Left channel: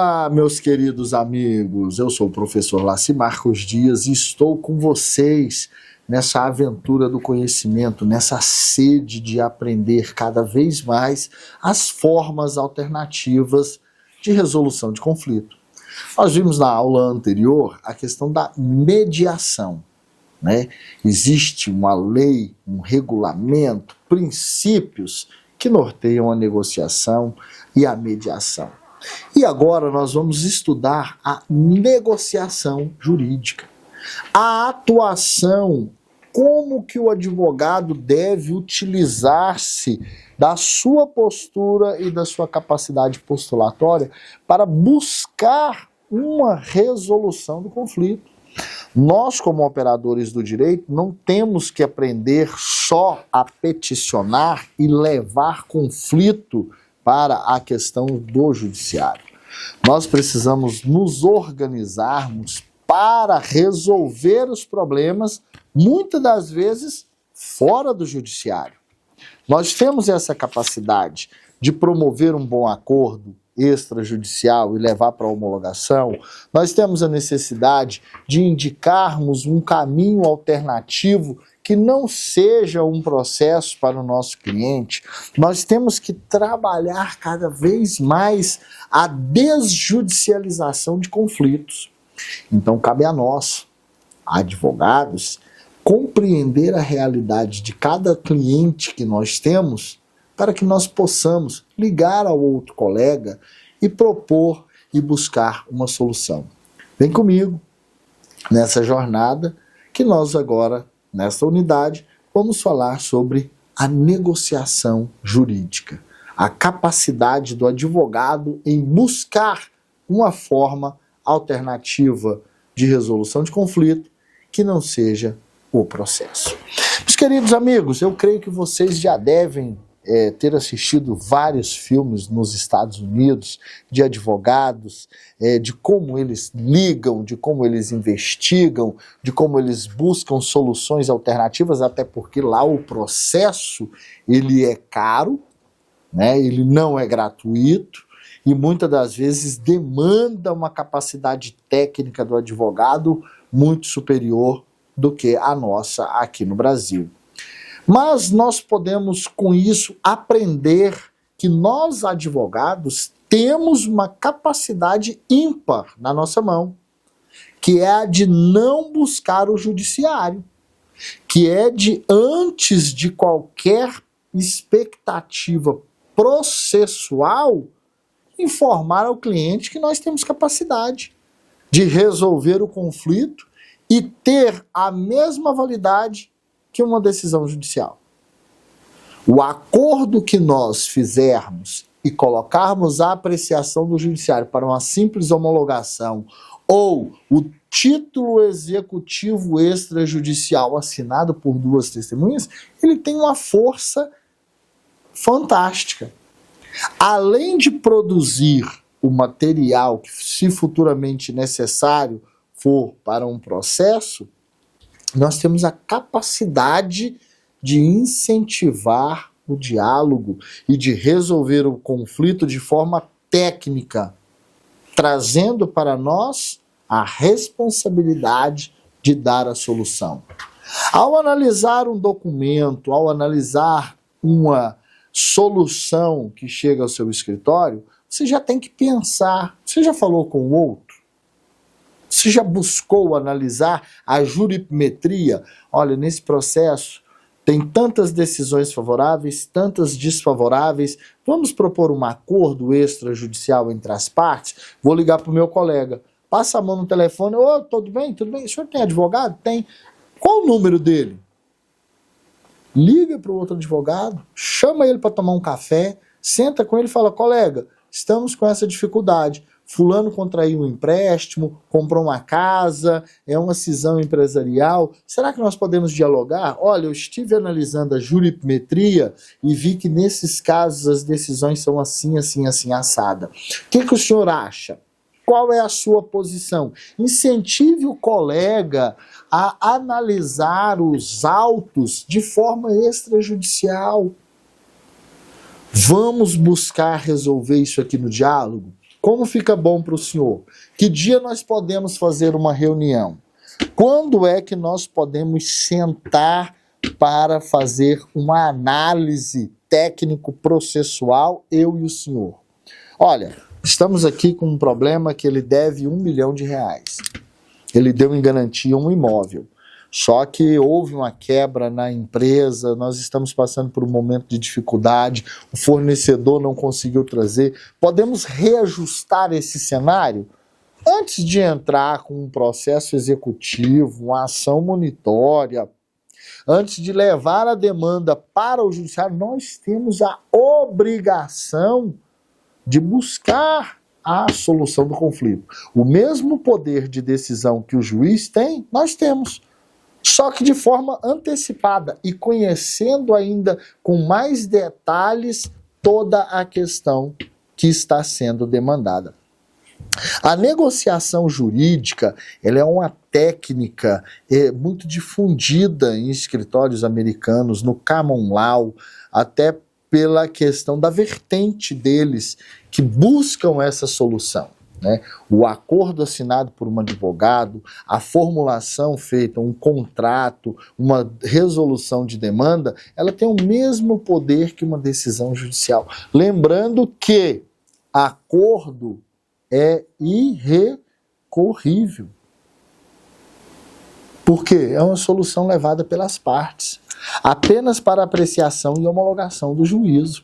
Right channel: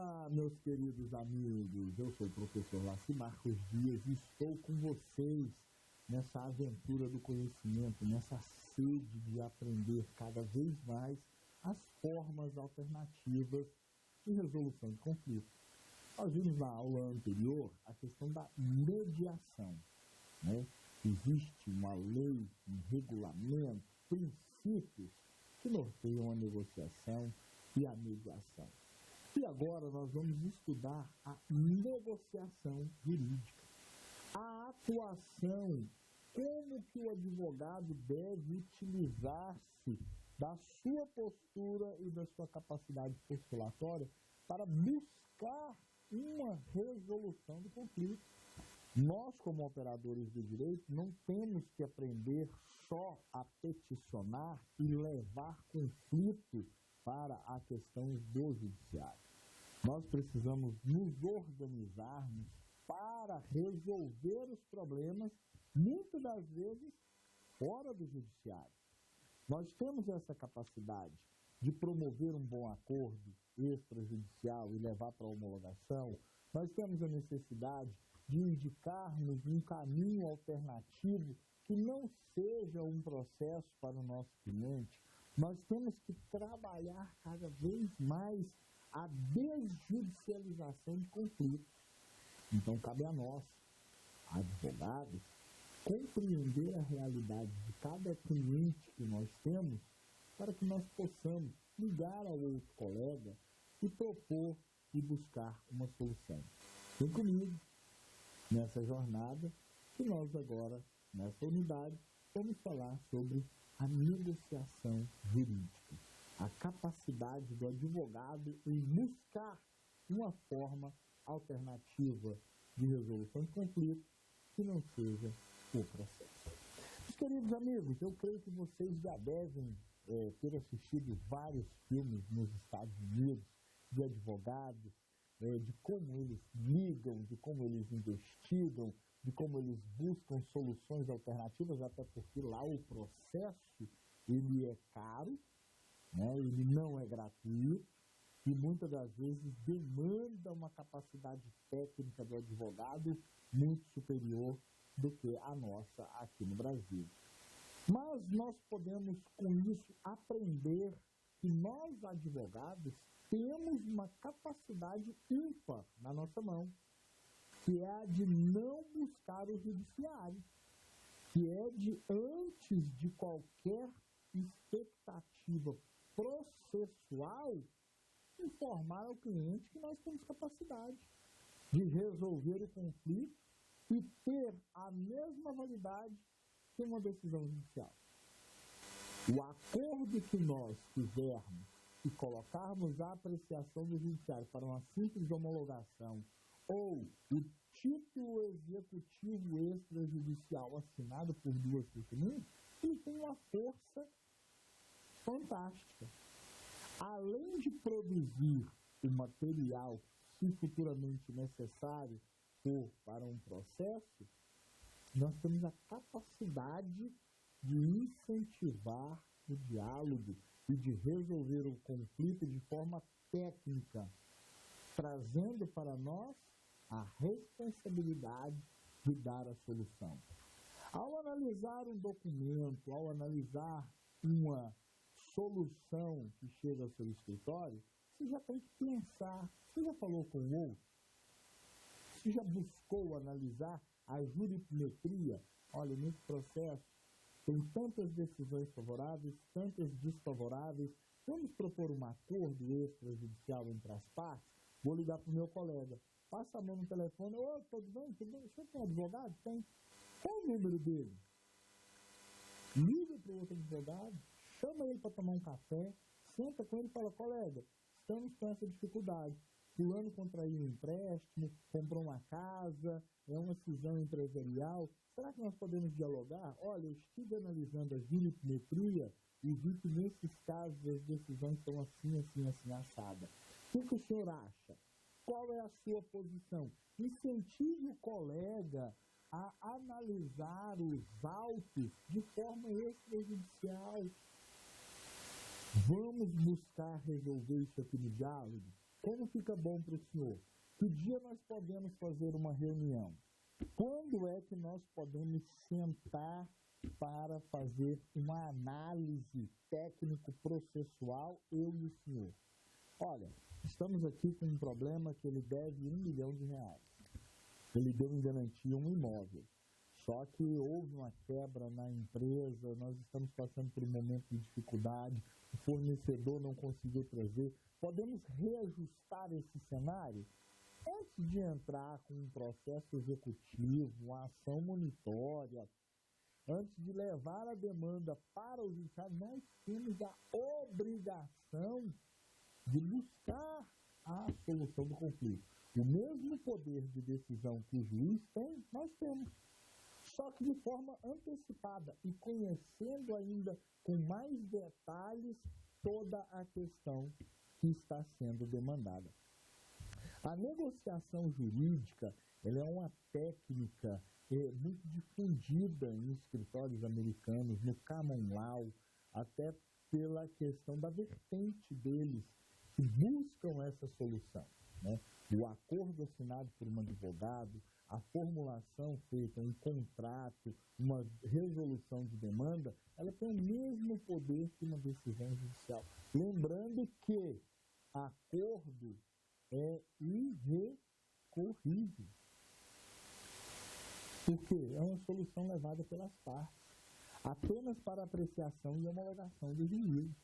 Olá, meus queridos amigos, eu sou o professor Laci Marcos Dias e estou com vocês nessa aventura do conhecimento, nessa sede de aprender cada vez mais as formas alternativas de resolução de conflito. Nós vimos na aula anterior a questão da mediação, né? Existe uma lei, um regulamento, princípios que norteiam a negociação e a mediação. E agora nós vamos estudar a negociação jurídica, a atuação, como que o advogado deve utilizar-se da sua postura e da sua capacidade postulatória para buscar uma resolução do conflito. Nós, como operadores do direito, não temos que aprender só a peticionar e levar conflito para a questão do judiciário. Nós precisamos nos organizarmos para resolver os problemas, muitas das vezes, fora do judiciário. Nós temos essa capacidade de promover um bom acordo extrajudicial e levar para a homologação. Nós temos a necessidade de indicarmos um caminho alternativo que não seja um processo para o nosso cliente. Nós temos que trabalhar cada vez mais a desjudicialização de conflitos. Então, cabe a nós, advogados, compreender a realidade de cada cliente que nós temos para que nós possamos ligar ao outro colega e propor e buscar uma solução. Vem comigo nessa jornada que nós agora, nesta unidade, vamos falar sobre a negociação jurídica, a capacidade do advogado em buscar uma forma alternativa de resolução de conflito que não seja o processo. Meus queridos amigos, eu creio que vocês já devem ter assistido vários filmes nos Estados Unidos de advogados, de como eles ligam, de como eles investigam, de como eles buscam soluções alternativas, até porque lá o processo ele é caro, né? Ele não é gratuito e muitas das vezes demanda uma capacidade técnica do advogado muito superior do que a nossa aqui no Brasil. Mas nós podemos, com isso, aprender que nós, advogados, temos uma capacidade ímpar na nossa mão, que é a de não buscar o judiciário, que é de, antes de qualquer expectativa processual, informar ao cliente que nós temos capacidade de resolver o conflito e ter a mesma validade que uma decisão judicial. O acordo que nós fizermos e colocarmos a apreciação do judiciário para uma simples homologação ou o título executivo extrajudicial assinado por duas testemunhas, ele tem uma força fantástica. Além de produzir o material que, se futuramente necessário for para um processo, nós temos a capacidade de incentivar o diálogo e de resolver o conflito de forma técnica, trazendo para nós a responsabilidade de dar a solução. Ao analisar um documento, ao analisar uma solução que chega ao seu escritório, você já tem que pensar, você já falou com o outro? Você já buscou analisar a jurimetria? Olha, nesse processo tem tantas decisões favoráveis, tantas desfavoráveis. Vamos propor um acordo extrajudicial entre as partes? Vou ligar para o meu colega. Passa a mão no telefone. Ô, tudo bem? Tudo bem? O senhor tem advogado? Tem. Qual o número dele? Liga para o outro advogado, chama ele para tomar um café, senta com ele e fala, colega, estamos com essa dificuldade. Fulano contraiu um empréstimo, comprou uma casa, é uma cisão empresarial. Será que nós podemos dialogar? Olha, eu estive analisando a jurimetria e vi que nesses casos as decisões são assim, assim, assim, assada. O que o senhor acha? Qual é a sua posição? Incentive o colega a analisar os autos de forma extrajudicial. Vamos buscar resolver isso aqui no diálogo? Como fica bom para o senhor? Que dia nós podemos fazer uma reunião? Quando é que nós podemos sentar para fazer uma análise técnico-processual, eu e o senhor? Olha, estamos aqui com um problema que ele deve R$1 milhão. Ele deu em garantia um imóvel. Só que houve uma quebra na empresa, nós estamos passando por um momento de dificuldade, o fornecedor não conseguiu trazer. Podemos reajustar esse cenário? Antes de entrar com um processo executivo, uma ação monitória, antes de levar a demanda para o judiciário, nós temos a obrigação de buscar a solução do conflito. O mesmo poder de decisão que o juiz tem, nós temos. Só que de forma antecipada e conhecendo ainda com mais detalhes toda a questão que está sendo demandada. A negociação jurídica, ela é uma técnica muito difundida em escritórios americanos, no common law, até pela questão da vertente deles que buscam essa solução. Né? O acordo assinado por um advogado, a formulação feita, um contrato, uma resolução de demanda, ela tem o mesmo poder que uma decisão judicial. Lembrando que acordo é irrecorrível. Por quê? É uma solução levada pelas partes, apenas para apreciação e homologação do juízo.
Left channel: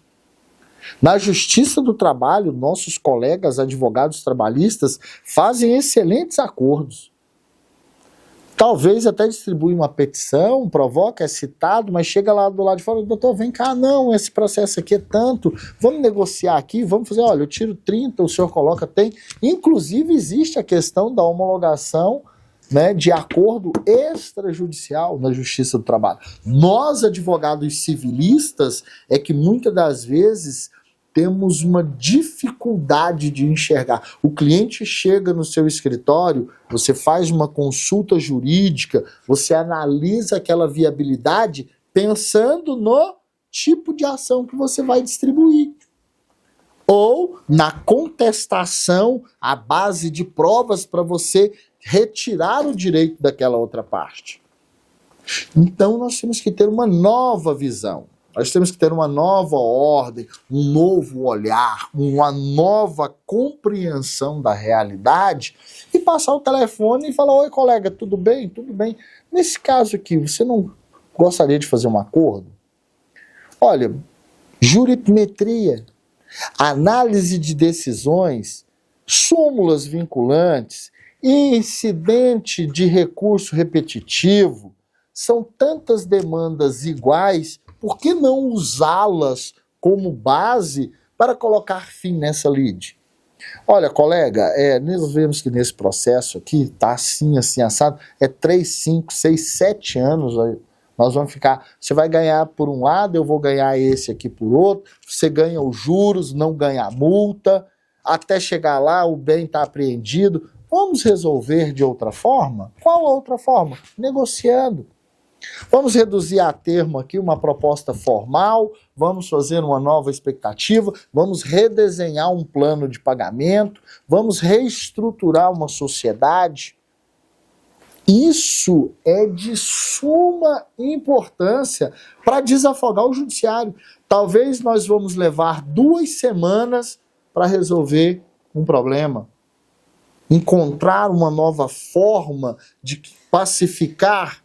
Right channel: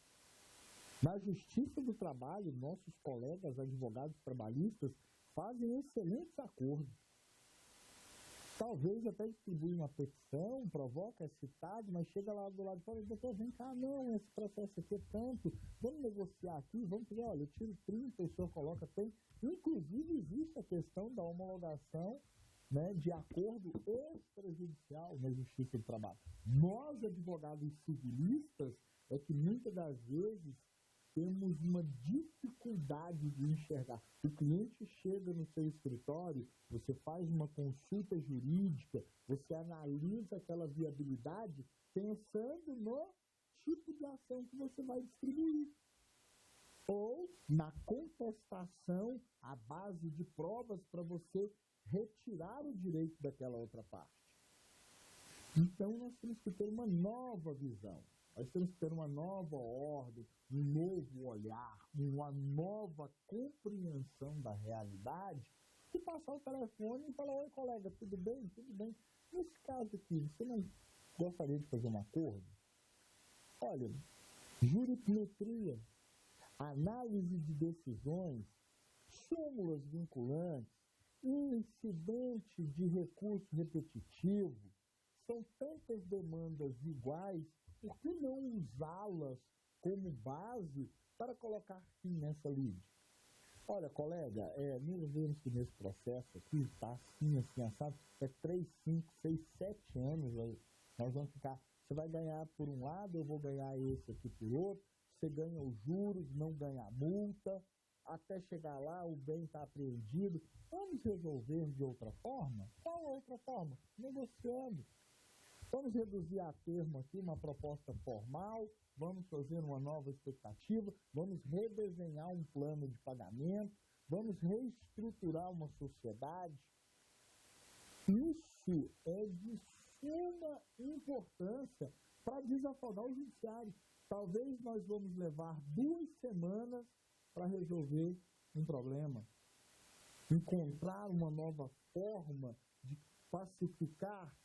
Na Justiça do Trabalho, nossos colegas advogados trabalhistas fazem excelentes acordos. Talvez até distribui uma petição, provoca, é citado, mas chega lá do lado de fora, doutor, vem cá, não, esse processo aqui é tanto, vamos negociar aqui, vamos fazer, olha, eu tiro 30, o senhor coloca, tem. Inclusive existe a questão da homologação, né, de acordo extrajudicial na Justiça do Trabalho. Nós, advogados civilistas, é que muitas das vezes temos uma dificuldade de enxergar. O cliente chega no seu escritório, você faz uma consulta jurídica, você analisa aquela viabilidade pensando no tipo de ação que você vai distribuir. Ou na contestação à base de provas para você retirar o direito daquela outra parte. Então nós temos que ter uma nova visão. Nós temos que ter uma nova ordem, um novo olhar, uma nova compreensão da realidade e passar o telefone e falar, oi colega, tudo bem? Tudo bem. Nesse caso aqui, você não gostaria de fazer um acordo? Olha, jurimetria, análise de decisões, súmulas vinculantes, incidente de recurso repetitivo, são tantas demandas iguais, por que não usá-las como base para colocar fim nessa lide? Olha, colega, nós vemos que nesse processo aqui está assim, assado, 3, 5, 6, 7 anos, nós vamos ficar, você vai ganhar por um lado, eu vou ganhar esse aqui por outro, você ganha os juros, não ganha a multa, até chegar lá o bem está apreendido. Vamos resolver de outra forma? Qual outra forma? Negociando. Vamos reduzir a termo aqui uma proposta formal, vamos fazer uma nova expectativa, vamos redesenhar um plano de pagamento, vamos reestruturar uma sociedade. Isso é de suma importância para desafogar o judiciário. Talvez nós vamos levar 2 semanas para resolver um problema. Encontrar uma nova forma de pacificar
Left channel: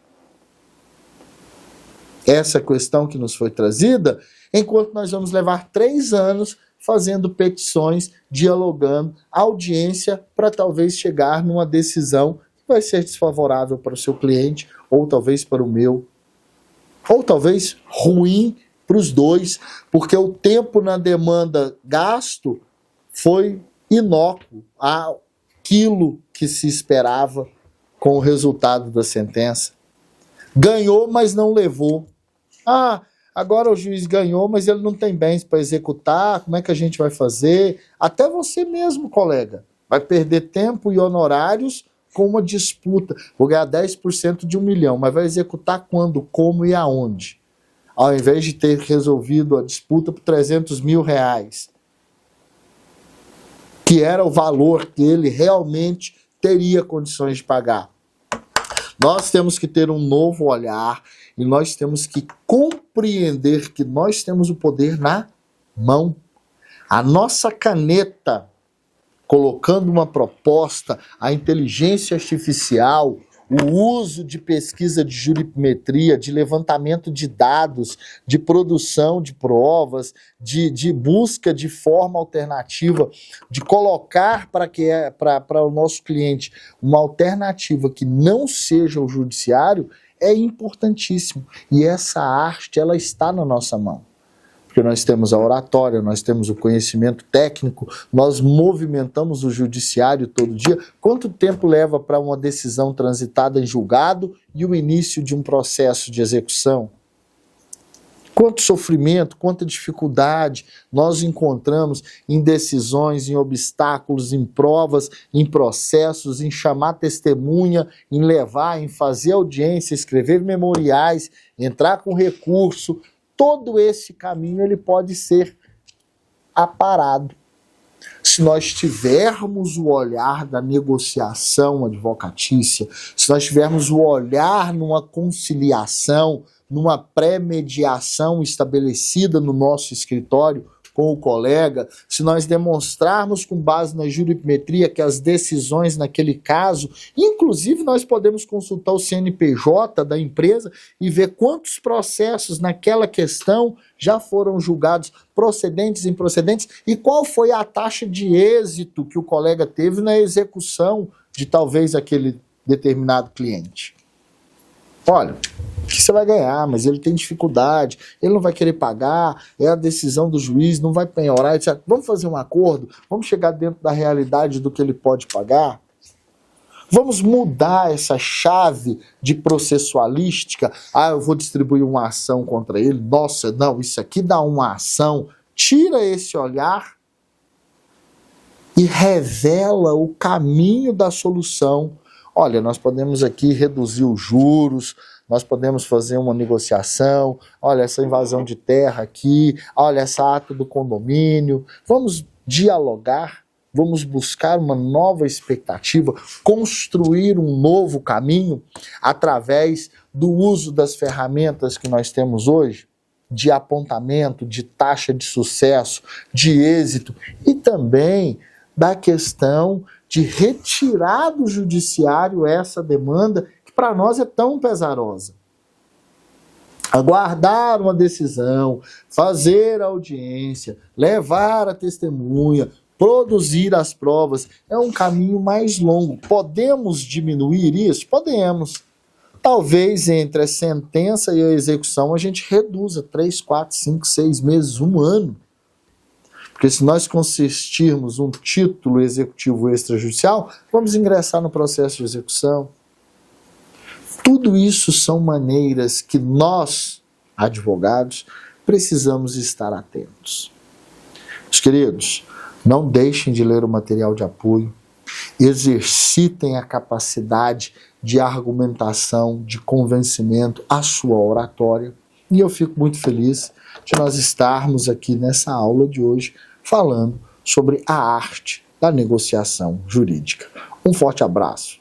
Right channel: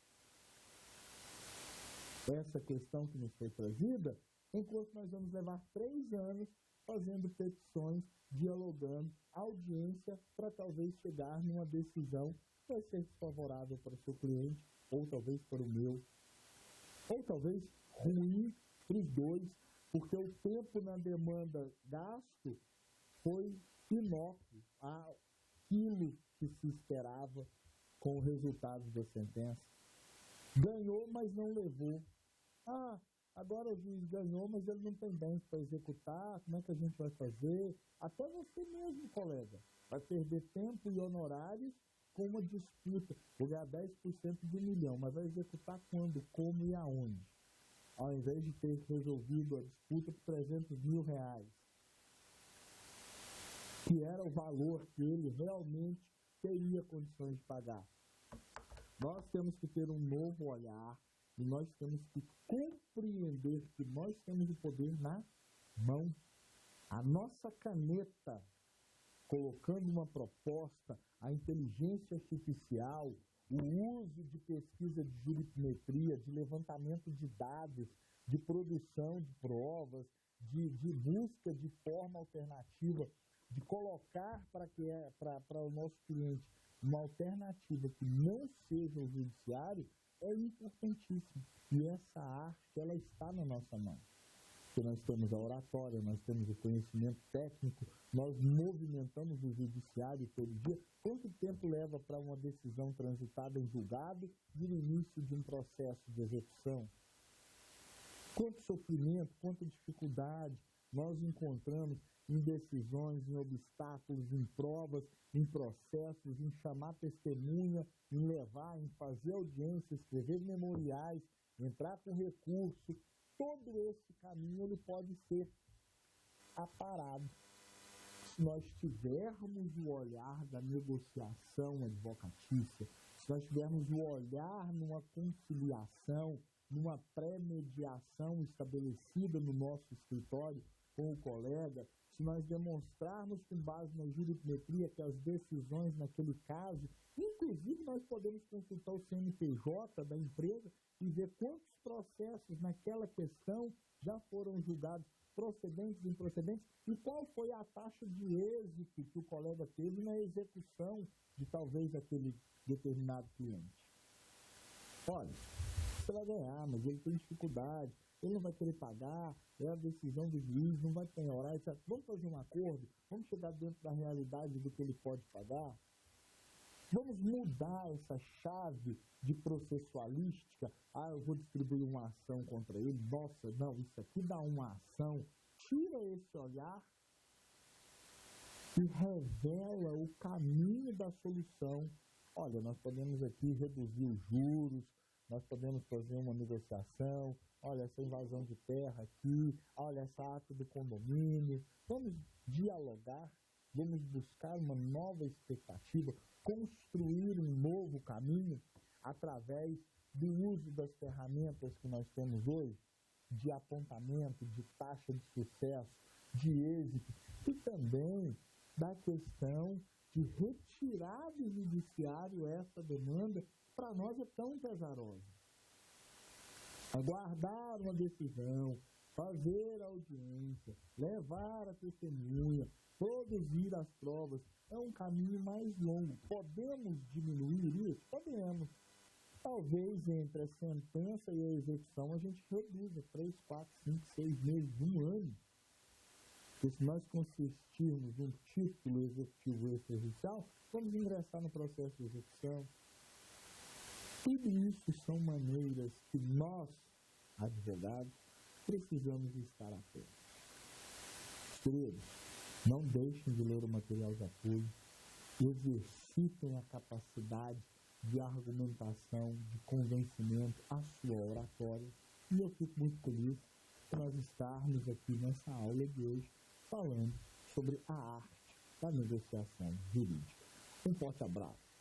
essa questão que nos foi trazida, enquanto nós vamos levar 3 anos fazendo petições, dialogando, audiência, para talvez chegar numa decisão que vai ser desfavorável para o seu cliente, ou talvez para o meu, ou talvez ruim para os dois, porque o tempo na demanda gasto foi inócuo àquilo que se esperava com o resultado da sentença. Ganhou, mas não levou. Agora o juiz ganhou, mas ele não tem bens para executar, como é que a gente vai fazer? Até você mesmo, colega, vai perder tempo e honorários com uma disputa. Vou ganhar 10% de R$1 milhão, mas vai executar quando, como e aonde? Ao invés de ter resolvido a disputa por R$300 mil. que era o valor que ele realmente teria condições de pagar. Nós temos que ter um novo olhar e nós temos que compreender que nós temos o poder na mão. A nossa caneta, colocando uma proposta, a inteligência artificial, o uso de pesquisa de jurimetria, de levantamento de dados, de produção de provas, de busca de forma alternativa, de colocar para o nosso cliente uma alternativa que não seja o judiciário, é importantíssimo. E essa arte, ela está na nossa mão. Porque nós temos a oratória, nós temos o conhecimento técnico, nós movimentamos o judiciário todo dia. Quanto tempo leva para uma decisão transitada em julgado e o início de um processo de execução? Quanto sofrimento, quanta dificuldade nós encontramos em decisões, em obstáculos, em provas, em processos, em chamar testemunha, em levar, em fazer audiência, escrever memoriais, entrar com recurso. Todo esse caminho ele pode ser aparado. Se nós tivermos o olhar da negociação advocatícia, se nós tivermos o olhar numa conciliação, numa pré-mediação estabelecida no nosso escritório com o colega, se nós demonstrarmos com base na jurimetria que as decisões naquele caso, inclusive nós podemos consultar o CNPJ da empresa e ver quantos processos naquela questão já foram julgados procedentes e improcedentes e qual foi a taxa de êxito que o colega teve na execução de talvez aquele determinado cliente. Olha, que você vai ganhar, mas ele tem dificuldade, ele não vai querer pagar, é a decisão do juiz, não vai penhorar, etc. Vamos fazer um acordo? Vamos chegar dentro da realidade do que ele pode pagar? Vamos mudar essa chave de processualística? Ah, eu vou distribuir uma ação contra ele. Nossa, não, isso aqui dá uma ação. Tira esse olhar e revela o caminho da solução. Olha, nós podemos aqui reduzir os juros, nós podemos fazer uma negociação, olha, essa invasão de terra aqui, olha, essa ato do condomínio. Vamos dialogar, vamos buscar uma nova expectativa, construir um novo caminho através do uso das ferramentas que nós temos hoje, de apontamento, de taxa de sucesso, de êxito e também da questão de retirar do judiciário essa demanda que para nós é tão pesarosa. Aguardar uma decisão, fazer a audiência, levar a testemunha, produzir as provas, é um caminho mais longo. Podemos diminuir isso? Podemos. Talvez entre a sentença e a execução a gente reduza 3, 4, 5, 6 meses, 1 ano. Porque se nós consistirmos um título executivo extrajudicial, vamos ingressar no processo de execução. Tudo isso são maneiras que nós, advogados, precisamos estar atentos. Meus queridos, não deixem de ler o material de apoio, exercitem a capacidade de argumentação, de convencimento, a sua oratória. E eu fico muito feliz de nós estarmos aqui nessa aula de hoje falando sobre a arte da negociação jurídica. Um forte abraço.